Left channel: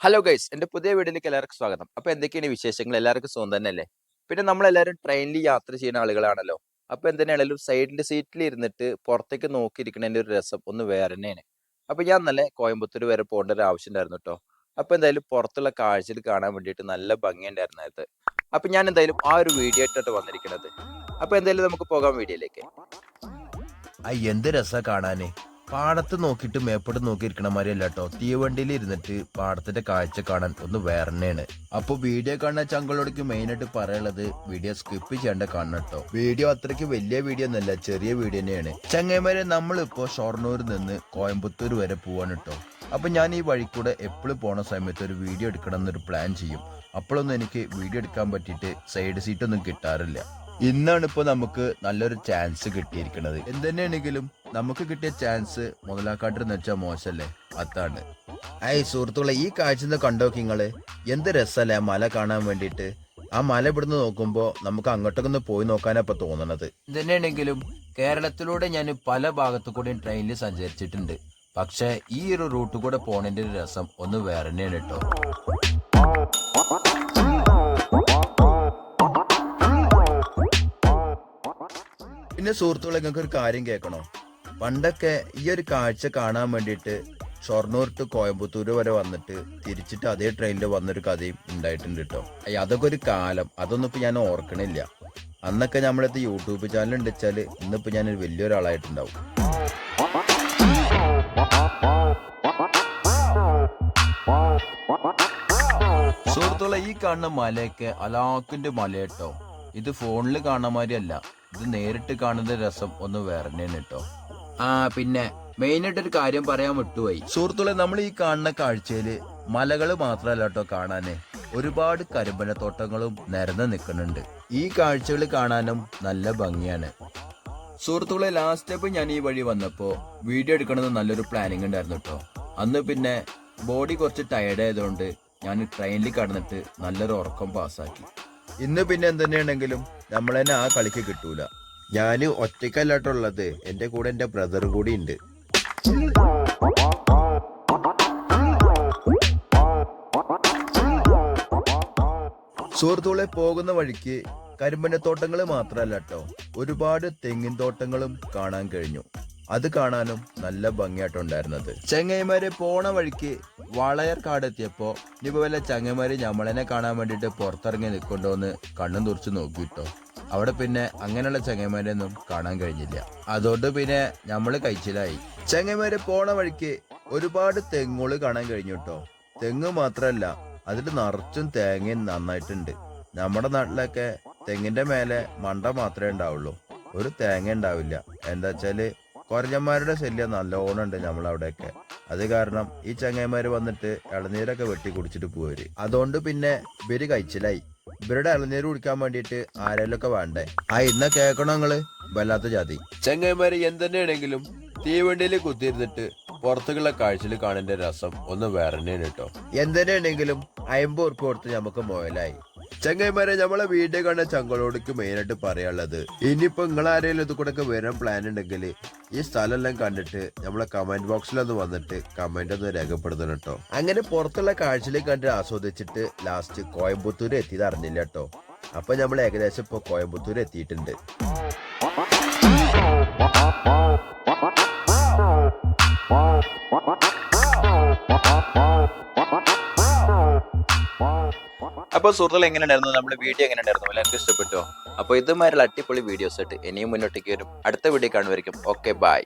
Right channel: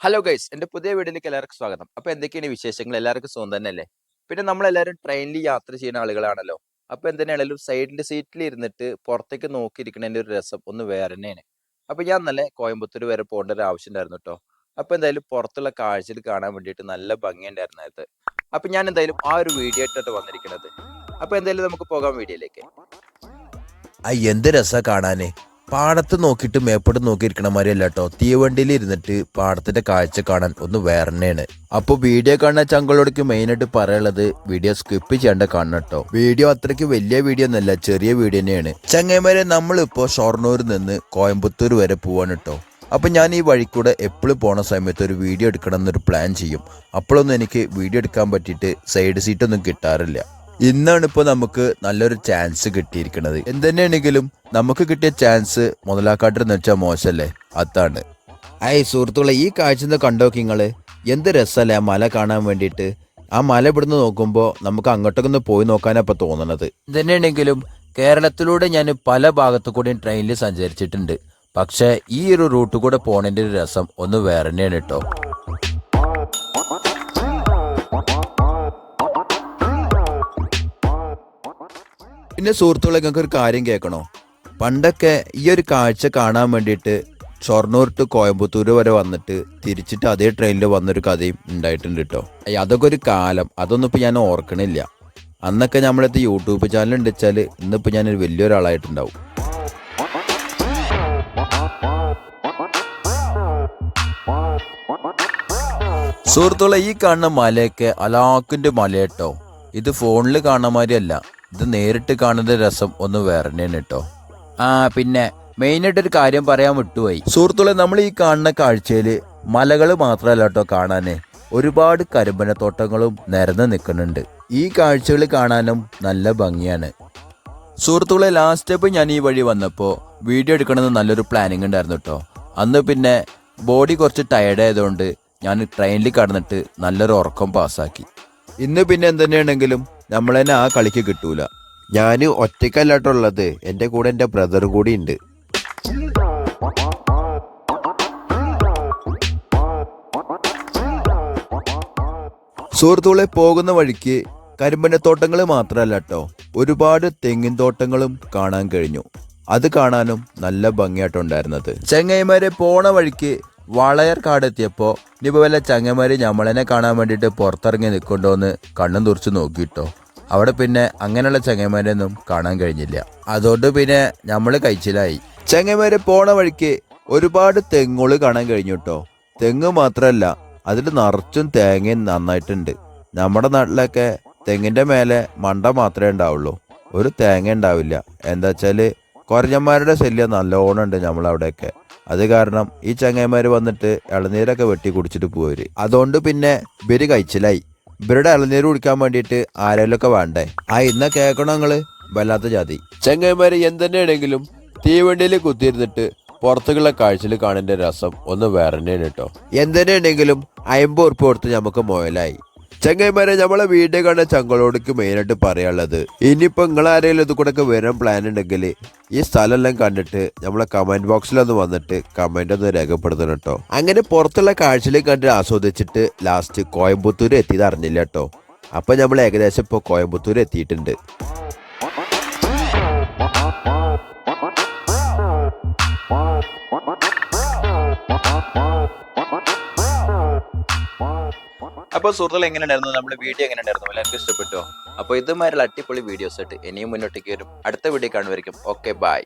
Hello guys, എൻ്റെ പുതിയ വീഡിയോയിലേക്ക് എല്ലാവർക്കും സ്വാഗതം. അപ്പോൾ എന്തൊക്കെയാണ് വിശേഷങ്ങൾ? എല്ലാവർക്കും സുഖം തന്നെയല്ലേ? പിന്നെ നമ്മളെല്ലാവരും ട്രെയിനിൽ യാത്ര ചെയ്യുന്ന ആളുകളാണല്ലോ. അപ്പോൾ എന്തിനാണെങ്കിലും സൈഡിൽ സീറ്റിൽ ഇരുന്നിട്ട് പുറത്തേക്ക് നോക്കിയിരിക്കുന്നതിൻ്റെ ഒരു രസം ഒന്ന് വേറെ തന്നെയാണ്. അപ്പോൾ ഞാൻ നല്ല കോയമ്പത്തൂർ വരെ പോകേണ്ട ഒരു ആവശ്യം ഉണ്ടായിരുന്നു കേട്ടോ. അപ്പോൾ എന്തായാലും പുറത്തുള്ള കാഴ്ചകൾ കാണാൻ വേണ്ടിയിട്ട് നല്ല ഭംഗിയുണ്ടായിരുന്നു അത്. അപ്പോൾ ഞാൻ എന്തായാലും ആ ഒരു വീഡിയോ ആയിട്ടാണ് വന്നിരിക്കുന്നത്. അപ്പോൾ എന്തായാലും നമുക്ക് പോകാം വീഡിയോയിലേക്ക്. എന്ത് രസാ കാണാന്. പാടത്ത് നോക്കിയിട്ട് മേപ്പോട്ട് നോക്കിയിരിക്കണ മാതിരിയല്ല കേട്ടോ, തീവണ്ടിയിൽ ഇരുന്നിട്ട് പാടത്തിന്റെ കാഴ്ച കാണാൻ ഒന്ന് വേറെ തന്നെയാണ്. അപ്പൊ വീഡിയോ കാണുന്ന ചങ്കളോടൊക്കെ മെയിനായിട്ട് പറയാനുള്ളത് വീഡിയോ സ്കിപ്പ് ചെയ്യേണ്ട കാണണം കേട്ടോ. വീഡിയോ അത്രയ്ക്ക് വലിയ വീഡിയോ ഒന്നല്ല, ചെറിയ വീഡിയോ തന്നെയാണ്. ചങ്ങന്മാരെ നമ്മളിപ്പോ ഷൊർണൂരിൽ നിന്ന് കോയമ്പത്തൂർ വരെ പോവാണ് കേട്ടോ. അപ്പൊ ഞാൻ ഈ വഴിക്കൂടെ എപ്പോഴും പോണ സമയത്ത് ഒരു വീഡിയോ എടുക്കണം എന്നൊരു പ്ലാൻ ചെയ്യും. അപ്പോഴൊന്നും എനിക്ക് വീഡിയോ എടുക്കാൻ പറ്റിയിട്ട് സൈഡ് സീറ്റ് ഒന്നും കിട്ടാറില്ല. ഇന്നാണ് ഇപ്പോൾ നമുക്ക് നല്ലൊരു ചാൻസ് കിട്ടിയിരിക്കുന്നത്. എന്തുതന്നെയാണെങ്കിലും നമുക്ക് കിട്ടിയ ചാൻസ് മുതലാക്കാട്ടെന്ന് വെച്ചാൽ മോശമല്ലേ, അതാണ്. സുഹൃത്തുക്കളെ, ഈ കാഴ്ച കണ്ടോക്കി നിങ്ങള്. എന്ത് രസമല്ലേ ആ മല കാണാൻ വേണ്ടിയിട്ട്. ആ മല ഇവിടുന്ന് നോക്കുമ്പോൾ നമുക്ക് അങ്ങോട്ടൊക്കെ ഒന്ന് പോയി നോക്കാനാണ് ഇപ്പൊ തോന്നണത്. എന്തുതന്നെയാണെങ്കിലും കേരളത്തിലൂടെ ഞാൻ പല ഭാഗത്തു കൂടിയും ട്രെയിനിൽ സഞ്ചരിച്ചിട്ടുണ്ട്. പക്ഷെ ഈ ഒരു റൂട്ട് കൂടെ പോണതിന്റെ ഒരു രസം ഒന്ന് വേറെ തന്നെയാണ് കേട്ടോ. പിന്നെ സുഹൃത്തുക്കളെ, നിങ്ങൾക്ക് ഒരു കാര്യം കേൾക്കണോ? പണ്ടൊക്കെ ഈ ഒരു കാഴ്ച കാണാൻ വേണ്ടിയിട്ട് ഷൊർണൂർ ടു കോയമ്പത്തൂർ വരെ വന്നിട്ട് തിരിച്ചിട്ട് അതേ ട്രെയിനിൽ വന്നൊരു കഥയും ഉണ്ടായിട്ടുണ്ട് കേട്ടോ. അതൊക്കെ ഒരു കാലം, അതൊന്നും ഇപ്പം ഞാൻ ഓർക്കണില്ല. അന്നൊക്കെ നമ്മളടുത്ത് യൂട്യൂബ് ചാനൽ ഉണ്ട് വെച്ചാൽ ഇന്നിപ്പോൾ ഞാനൊരു വലിയൊരാളായിട്ടുണ്ടാവും. സുഹൃത്തുക്കളെ, ഈ കാണുന്ന മലയൊക്കെ അലാക്കിന്റെ മല കേട്ടോ. ഇത് ഫോണിൽ കാണുന്ന മാതിരിയല്ല, ഇത് നേരിട്ട് കാണുന്ന രസം ഒന്ന് വേറെ തന്നെയാണ് കേട്ടോ. പിന്നെ മെയിനായിട്ടൊരു കാര്യം പറയാൻ വിട്ടുപോയി സുഹൃത്തുക്കളെ, നമ്മൾ ഈ കാണുന്ന കാഴ്ചയില് മലകൾ മാത്രമല്ല കേട്ടോ കാണാന്, ഒരുപാട് കരിമ്പനത്തോട്ടങ്ങളും നിരന്ന് നിൽക്കുന്നുണ്ട്. ഈ കാഴ്ചകൾ കാണാനും നല്ല ഭംഗിയാണ്. സുഹൃത്തുക്കളെ, ലാസ്റ്റ് സ്റ്റെപ്പ് ഞാൻ ഈ വഴി വന്നപ്പോൾ വീഡിയോ എടുക്കണമെന്ന് നല്ലൊരു പ്ലാനിങ് ഉണ്ടായിരുന്നു കേട്ടോ. അന്ന് പിന്നെ ബോഡി കുറച്ച് ടയർഡ് ആയതുകൊണ്ട് ഞാൻ ട്രെയിനിൽ കടന്നിട്ട് നല്ലൊരു ഉറക്കം പാസ്സാക്കി. ഇന്ന് പിന്നെ എന്തുതന്നെയാണെങ്കിലും നമ്മൾ തന്നെ ആ കളിക്ക് കിട്ടൂല. ഞാൻ ഒറ്റയ്ക്കല്ലാട്ടുള്ളത്, എൻ്റെ കൂടെ എൻ്റെ ബ്രദറും കൂടി ഉണ്ട്. സുഹൃത്തുക്കളെ, പോകുന്ന വഴിക്ക് കരിമ്പനത്തോട്ടങ്ങൾ മാത്രമല്ല കേട്ടോ, ഒരുപാട് തെങ്ങിൻ തോട്ടങ്ങളും കാണാൻ കഴിഞ്ഞു. അത് കാണാനും നല്ല ഭംഗിയായിട്ടുണ്ടായിരുന്നത്. ചെങ്ങൈമാരെ പോണ വഴിക്ക് വളയർ കാടെത്തിയപ്പോൾ ഇനിയിപ്പോൾ വല്ല ചങ്ങന്മാര് നമ്മളെന്നെ കാണാൻ വേണ്ടിയിട്ട് പുറത്തിറങ്ങി നിൽക്കുന്നുണ്ടോന്ന് കണ്ണും തുറച്ച് നോക്കിയിട്ടോ. അവിടെ പിന്നെ അങ്ങനെയുള്ള ചങ്ങന്മാരെയൊന്നും കാണാൻ കഴിഞ്ഞില്ല. അതുകൊണ്ട് പിന്നെ നമ്മൾ കഴിച്ചിലായി. ചങ്ങന്മാര് പോണ വഴിക്ക് ഒരുപാട് തെങ്ങുകൾ കാണാൻ കഴിഞ്ഞു കേട്ടോ. തെങ്ങ് മാത്രമല്ല, അതിൽ നിറച്ചും തേങ്ങയും നന്നായിട്ടുണ്ട്. നമ്മുടെ നാട്ടിലൊക്കെ തെങ്ങിന്റെ മേലെ മണ്ട മാത്രമേ ഉണ്ടാവുള്ളൂ, ഒരു തേങ്ങ ഉണ്ടാവില്ല. എന്താ വെച്ചാല് കുറഞ്ഞന്മാരുടെ ശല്യം നല്ലോണം ഉണ്ട് നമ്മളവിടെയൊക്കെ. അത് കാരണം ഈ ചങ്ങന്മാര് വന്നിട്ട് ഇളനീരൊക്കെ വെട്ടി കുടിച്ചിട്ട് പോവര്. അതുകൊണ്ട് പിന്നെ ഇവര് കഴിച്ചിലായി. ഇവരുടെ ഇളനീര് കുടിക്കാൻ വേണ്ടിയിട്ട് ആരെങ്കിലൊക്കെ വേണ്ടേ. ഇന്ന കേൾക്കണോ നിങ്ങള്? വല്ലാത്ത ജാതി ചങ്ങന്മാര്. എന്തെന്നെയാണെങ്കിലും തീവണ്ടിയിൽ കുത്തിയിരുന്നിട്ട് പുറത്തുള്ള കാഴ്ചയിൽ കാണേണ്ട രസം ഒന്ന് വേറെ തന്നെയാണ് കേട്ടോ. എന്തെന്നെയാണെങ്കിലും 50 ഉറുപ്പിക കൊടുത്ത് നമുക്ക് മുതലായി. ചങ്ങന്മാരെ, നമ്മളെ വീഡിയോ കാണുന്ന ചങ്കളോടേക്ക് മെയിനായിട്ട് പറയാനുള്ളത്, ഇനിയിപ്പോൾ നിങ്ങളാരെങ്കിലും ഇത് കൂടെ ഒക്കെ വരാൻ പ്ലാൻ ഉണ്ടെങ്കിൽ ഈ സ്ഥലമെല്ലാം കണ്ടിട്ട് നമ്മളെ കമന്റ് ബോക്സിലൊന്ന് വന്നിട്ട് കമന്റ് ഒന്ന് രേഖപ്പെടുത്തണം കേട്ടോ. അങ്ങനെ പുറത്തുള്ള കാഴ്ചയിലേക്ക് കണ്ട് ആസ്വദിച്ചിട്ട് ലാസ്റ്റ് കോയമ്പത്തൂർ എത്തിയത് അറിഞ്ഞില്ല കേട്ടോ. അപ്പൊ നമ്മൾ ഏകദേശം ഇപ്പോൾ കോയമ്പത്തൂർ എത്തിയിട്ടുണ്ട്. അപ്പോൾ സുഹൃത്തുക്കൾ, എങ്ങനെയുണ്ടായിരുന്നു നമ്മുടെ വീഡിയോ? എങ്ങനെയുണ്ടായിരുന്നു? എല്ലാവർക്കും ഇഷ്ടപ്പെട്ടോ? അപ്പോൾ ഇതുമാതിരിയുള്ള അടിപൊളി വീഡിയോസ് ആയിട്ട് ഇനിയും മുന്നോട്ടേക്ക് വരും. അടുത്ത വീഡിയോ കാണുമായിരിക്കും. Okay, by.